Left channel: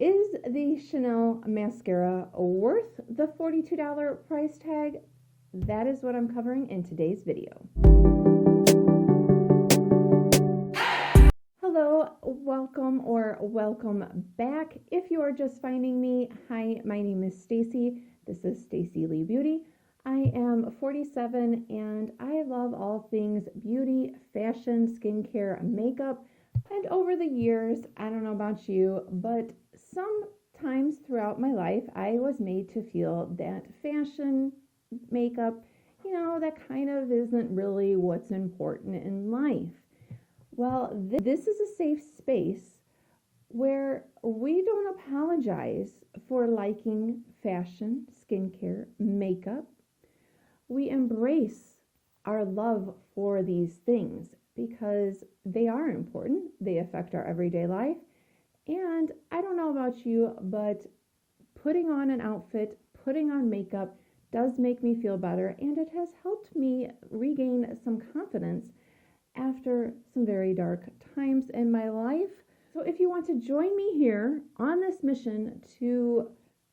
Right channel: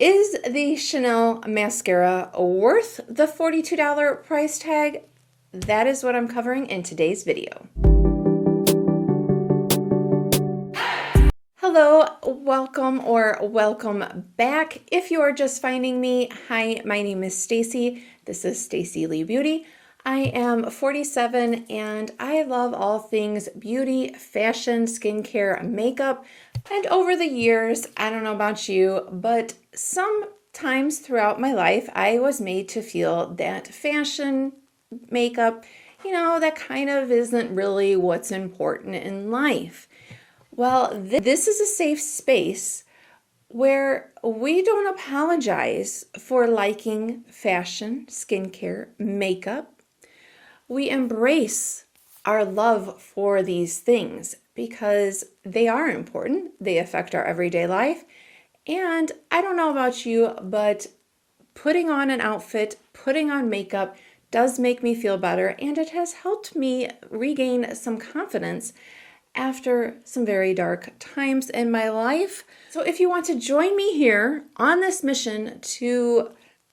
Is the Chanel mascara worth the $42 price tag? That is what I'm covering in today's video. Hello, welcome back. If you are just finding me, hi, my name is Stacy. This is Stacy Lee Beauty. I am 47 and I love all things beauty, fashion, skincare, makeup. And over the years, I don't know about you, but sometimes throughout my life, I was made to feel that fashion, makeup, that kind of isn't really what's important in life. Well, this is a safe space where we don't apologize for liking fashion, skincare, makeup. We embrace our love for these things because they are important. They affect our everyday life. And I don't know about you, but putting on an outfit, putting on makeup does make me feel better. And it has helped me regain some confidence after some very dark times in my life. So if you want to join me here on this mission to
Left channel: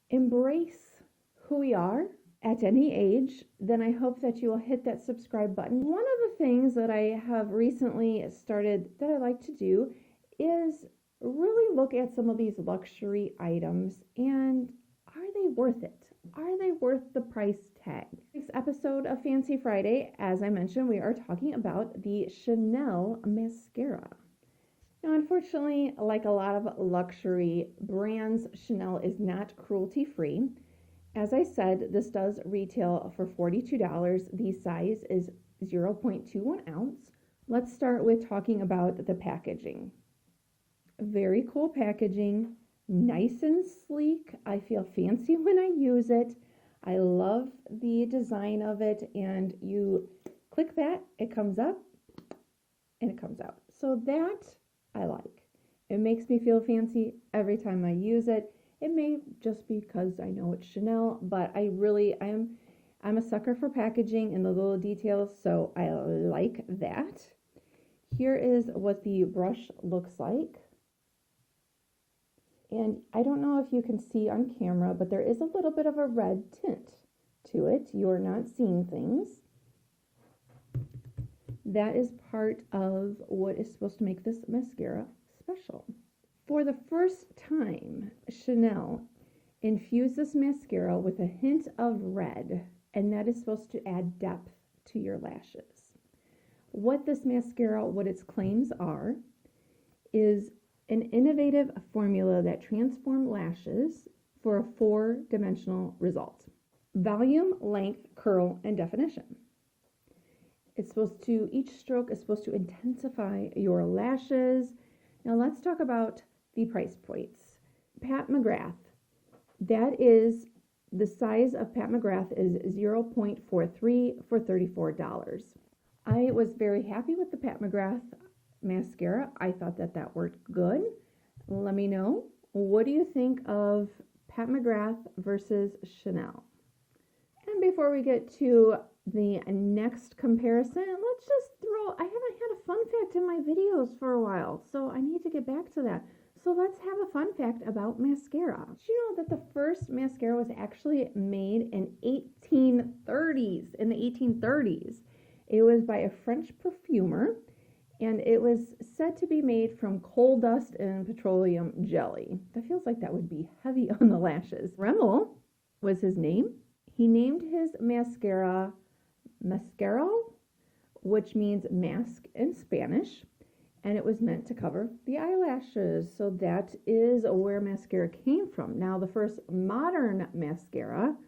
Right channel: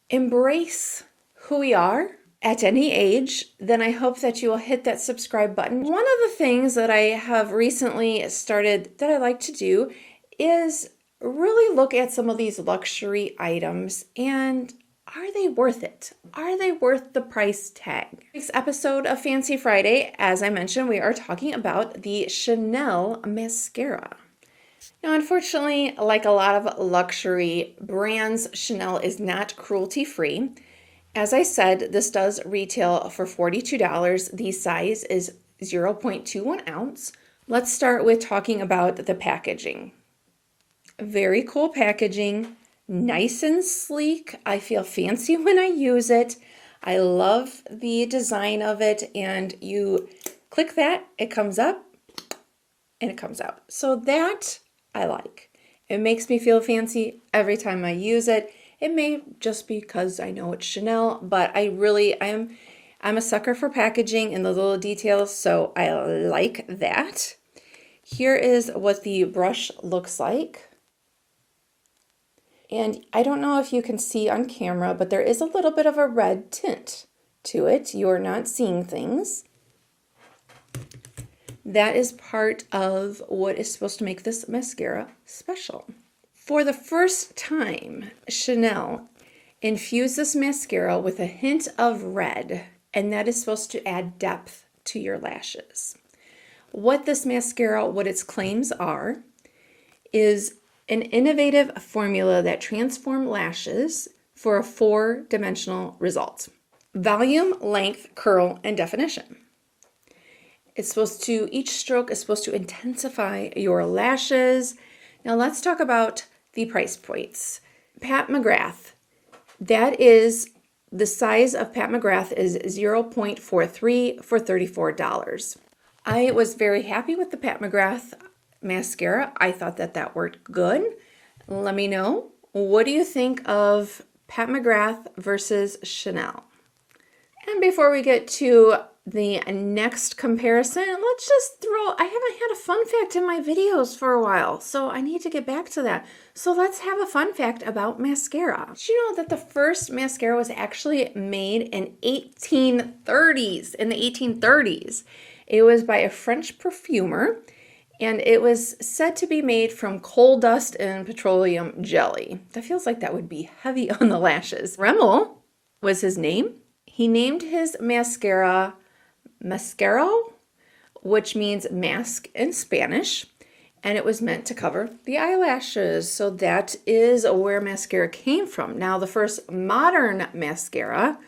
embrace who we are at any age, then I hope that you will hit that subscribe button. One of the things that I have recently started that I like to do is really look at some of these luxury items and are they worth it? Are they worth the price tag? Next episode of Fancy Friday, as I mentioned, we are talking about the Chanel mascara. Now, unfortunately, like a lot of luxury brands, Chanel is not cruelty-free. As I said, this does retail for $42. The size is 0.21 ounce. Let's start with talking about the packaging. Very cool packaging. Nice and sleek. I feel fancy when I use it. I love the design of it, and you click that, it comes up and it comes out. So that I like. It makes me feel fancy every time I use it. It may just be because I know it's Chanel, but I'm a sucker for packaging and the little details, so I like that. Here is what the brush looks like. And I don't know if you can see on camera, but there is a little bit of a red tint to it. You're not seeing things. That is part of what is supposed to make this mascara special. For the first time, Chanel infused this mascara with a hint of red, and that is supposed to add depth to your lashes. What this mascara, what its claims are, is an innovative formula that transforms lashes for a 4-dimensional result. Volume, length, curl, and definition. Each stroke is supposed to intensify your lashes. Now let's talk about the price points. Pat McGrath, that is, the size of Pat McGrath is 0.43 for $34. I was very happy with the Pat McGrath mascara. I thought that worked good. Let me know. What do you think of Pat McGrath versus Chanel? And before we get to the next comparison, let's just I haven't had a fun fact in my videos for a while, so I need to get back to that. So let's have a fun fact about mascara. Did you know that the first mascara was actually made in the 1830s? It was by a French perfumer, and it was said to be made from coal dust and petroleum jelly. That feels like that would be heavy on the lashes. Rimmel was his name. He named his mascara Mascaro, which means mask in Spanish, and it was meant to cover the eyelashes. So that is where mascara came from. Now, the first modern mascara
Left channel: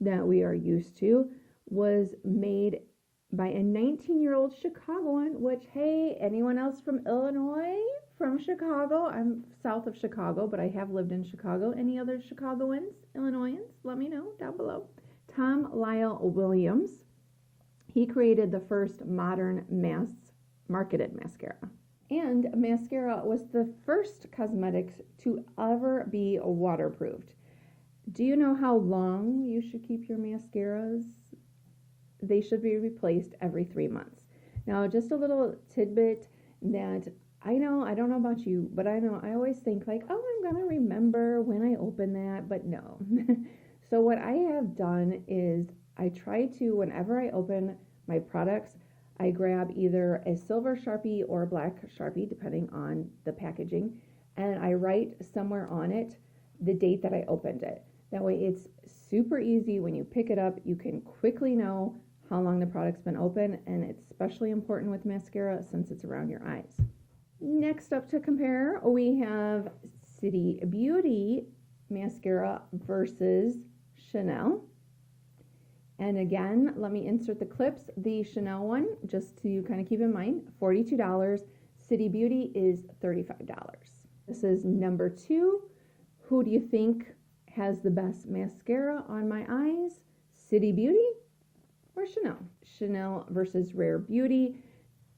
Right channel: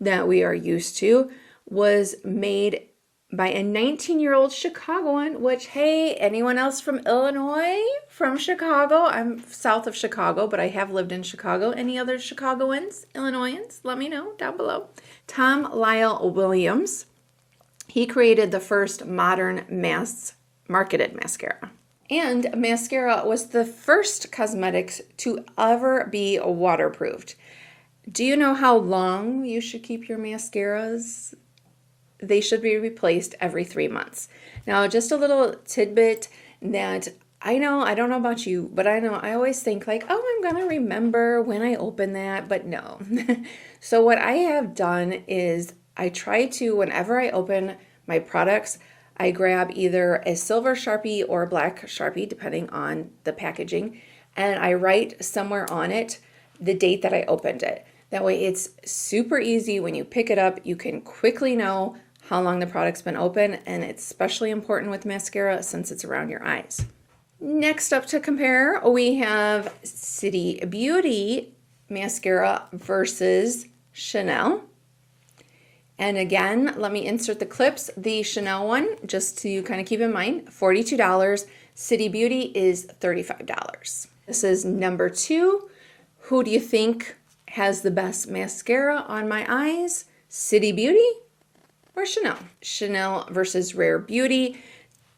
that we are used to was made by a 19-year-old Chicagoan, which, hey, anyone else from Illinois, from Chicago? I'm south of Chicago, but I have lived in Chicago. Any other Chicagoans, Illinoisans? Let me know down below. Tom Lyle Williams, he created the first modern mass-marketed mascara. And mascara was the first cosmetics to ever be waterproofed. Do you know how long you should keep your mascaras? They should be replaced every 3 months. Now, just a little tidbit that I know, I don't know about you, but I know I always think like, oh, I'm gonna remember when I open that, but no. So what I have done is I try to, whenever I open my products, I grab either a silver Sharpie or a black Sharpie, depending on the packaging, and I write somewhere on it the date that I opened it. That way it's super easy when you pick it up, you can quickly know how long the product's been open, and it's especially important with mascara since it's around your eyes. Next up to compare, we have City Beauty mascara versus Chanel. And again, let me insert the clips. The Chanel one, just to kind of keep in mind, $42. City Beauty is $35. This is number 2. Who do you think has the best mascara on my eyes? City Beauty or Chanel? Chanel versus Rare Beauty.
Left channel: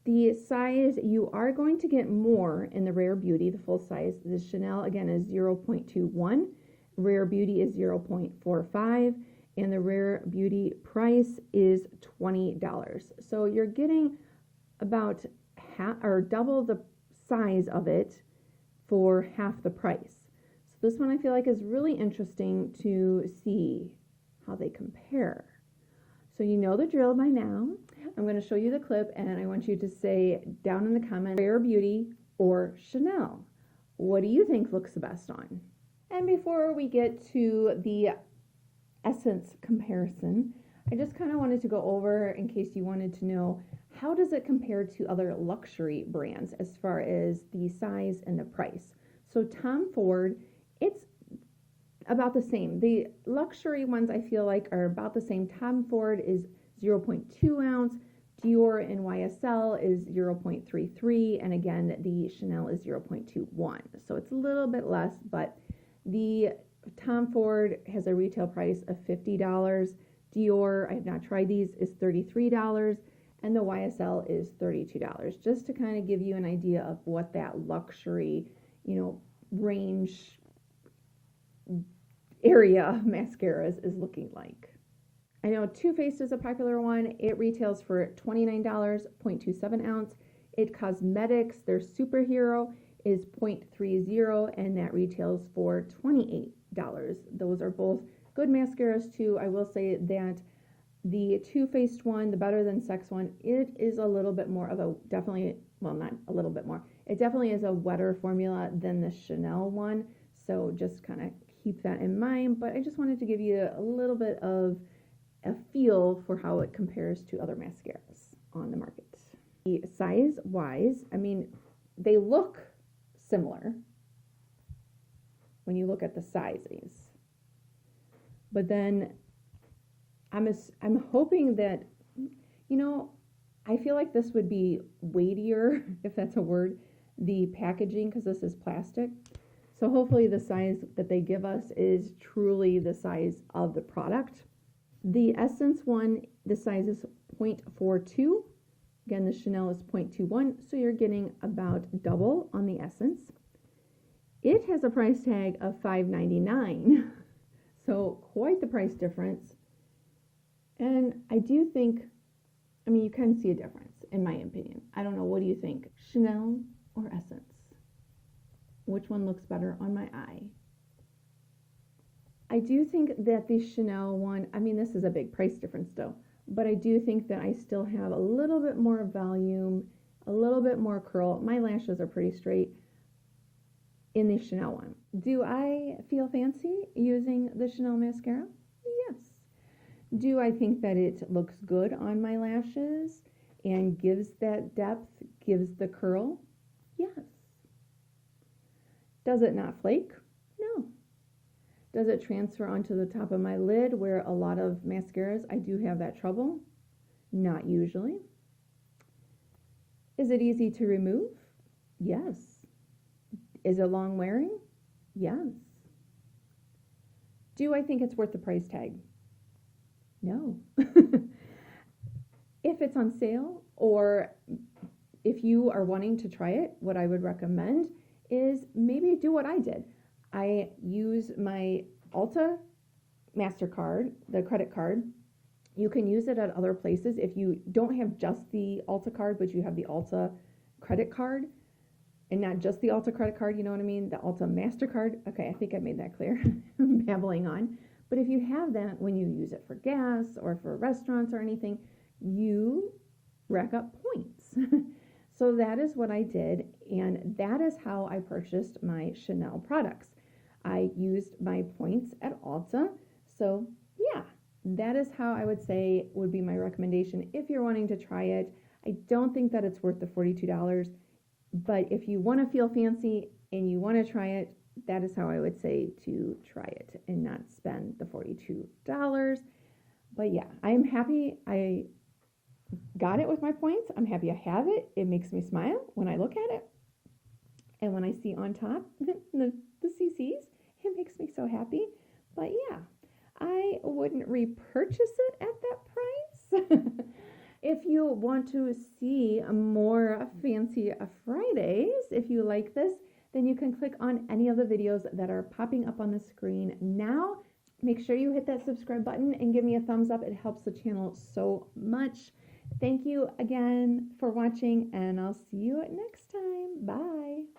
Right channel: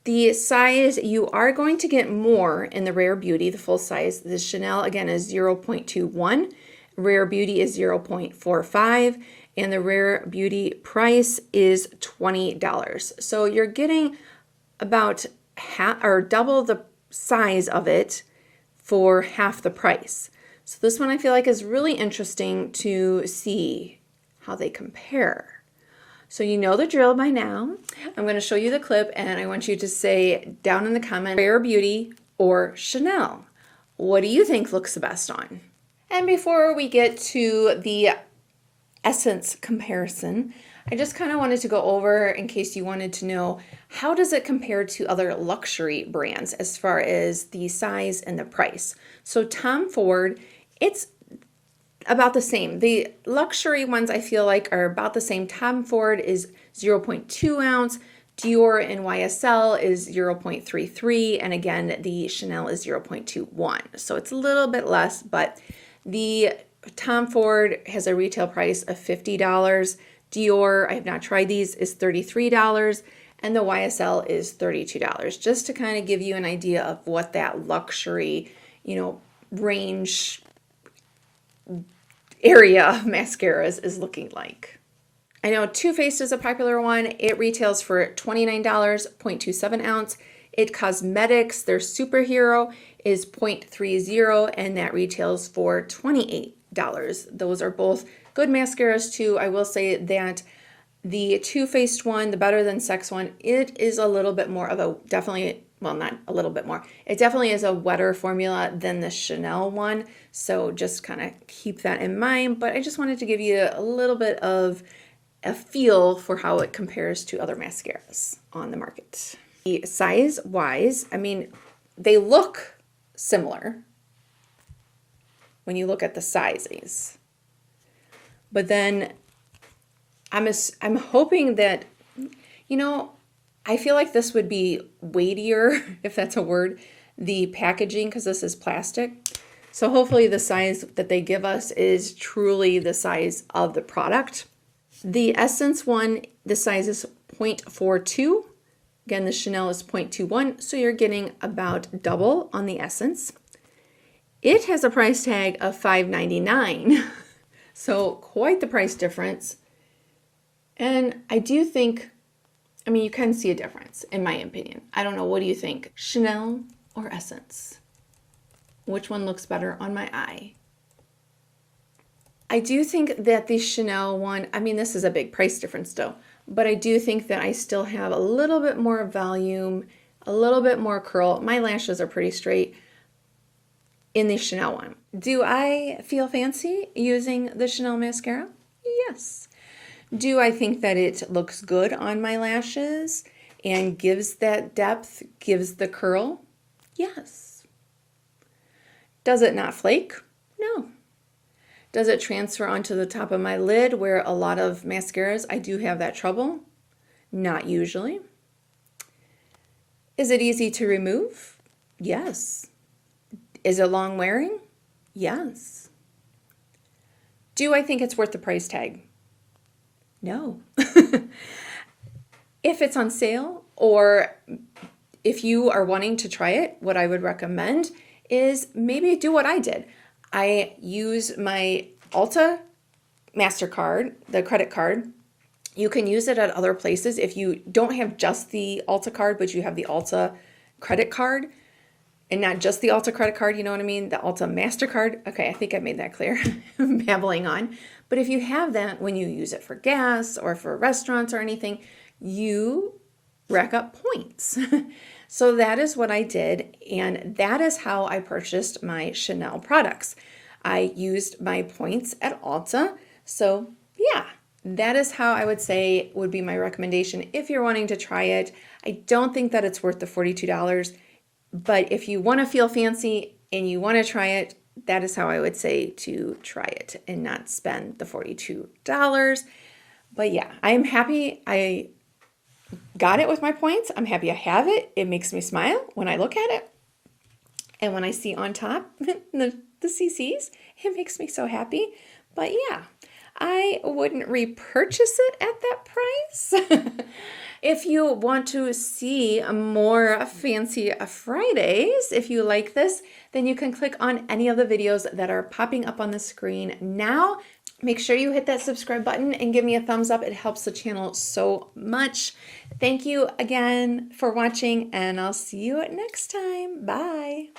The size, you are going to get more in the Rare Beauty, the full size. The Chanel, again, is 0.21. Rare Beauty is 0.45. And the Rare Beauty price is $20. So you're getting about half or double the size of it for half the price. So this one I feel like is really interesting to see how they compare. So you know the drill by now. I'm going to show you the clip and I want you to say down in the comments, Rare Beauty or Chanel. What do you think looks the best on? And before we get to the essence comparison, I just kind of wanted to go over, in case you wanted to know, how does it compare to other luxury brands as far as the size and the price? So Tom Ford, it's about the same. The luxury ones I feel like are about the same. Tom Ford is 0.2 ounce. Dior and YSL is 0.33. And again, the Chanel is 0.21. So it's a little bit less, but the Tom Ford has a retail price of $50. Dior, I have not tried these, is $33. And the YSL is $32. Just to kind of give you an idea of what that luxury, range area of mascaras is looking like. I know Too Faced is a popular one. It retails for $29, 0.27 ounce. It Cosmetics, their Superhero, is 0.30, and that retails for $28. Those are both good mascaras too. I will say that the Too Faced one, the Better Than Sex one, it is a little bit more of a, definitely, well, not a little bit more. It definitely is a wetter formula than the Chanel one. So just kind of keep that in mind. But I just wanted to give you a little bit of a feel for how it compares to other mascaras on the market. The size-wise, I mean, they look similar when you look at the sizes. But then I'm hoping that, I feel like this would be weightier, if that's a word, the packaging, because this is plastic. So hopefully the size that they give us is truly the size of the product. The Essence one, the size is 0.42. Again, the Chanel is 0.21, so you're getting about double on the Essence. It has a price tag of $5.99, so quite the price difference. And I do think, you can see a difference, in my opinion. I don't know, what do you think? Chanel or Essence? Which one looks better on my eye? I do think that the Chanel one, this is a big price difference though, but I do think that I still have a little bit more volume, a little bit more curl. My lashes are pretty straight in the Chanel one. Do I feel fancy using the Chanel mascara? Yes. Do I think that it looks good on my lashes and gives that depth, gives the curl? Yes. Does it not flake? No. Does it transfer onto the top of my lid where a lot of mascaras, I do have that trouble? Not usually. Is it easy to remove? Yes. Is it long wearing? Yes. Do I think it's worth the price tag? No. If it's on sale, or if you are wanting to try it, what I would recommend is maybe do what I did. I use my Ulta MasterCard, the credit card. You can use it at other places if you don't have just the Ulta card, but you have the Ulta credit card. and not just the Ulta credit card, you know what I mean? The Ulta MasterCard. Okay, I think I made that clear. I'm babbling on. But if you have that, when you use it for gas or for restaurants or anything, you rack up points. So that is what I did, and that is how I purchased my Chanel products. I used my points at Ulta. So yeah, that is how I would say would be my recommendation if you're wanting to try it. I don't think that it's worth the $42, but if you want to feel fancy and you want to try it, that is how I would say to try it and not spend the $42. But yeah, I am happy I got it with my points. I'm happy I have it. It makes me smile when I look at it. And when I see on top the CCs, it makes me so happy. But yeah, I wouldn't repurchase it at that price. If you want to see more Fancy Fridays, if you like this, then you can click on any of the videos that are popping up on the screen now. Make sure you hit that subscribe button and give me a thumbs up. It helps the channel so much. Thank you again for watching, and I'll see you next time. Bye.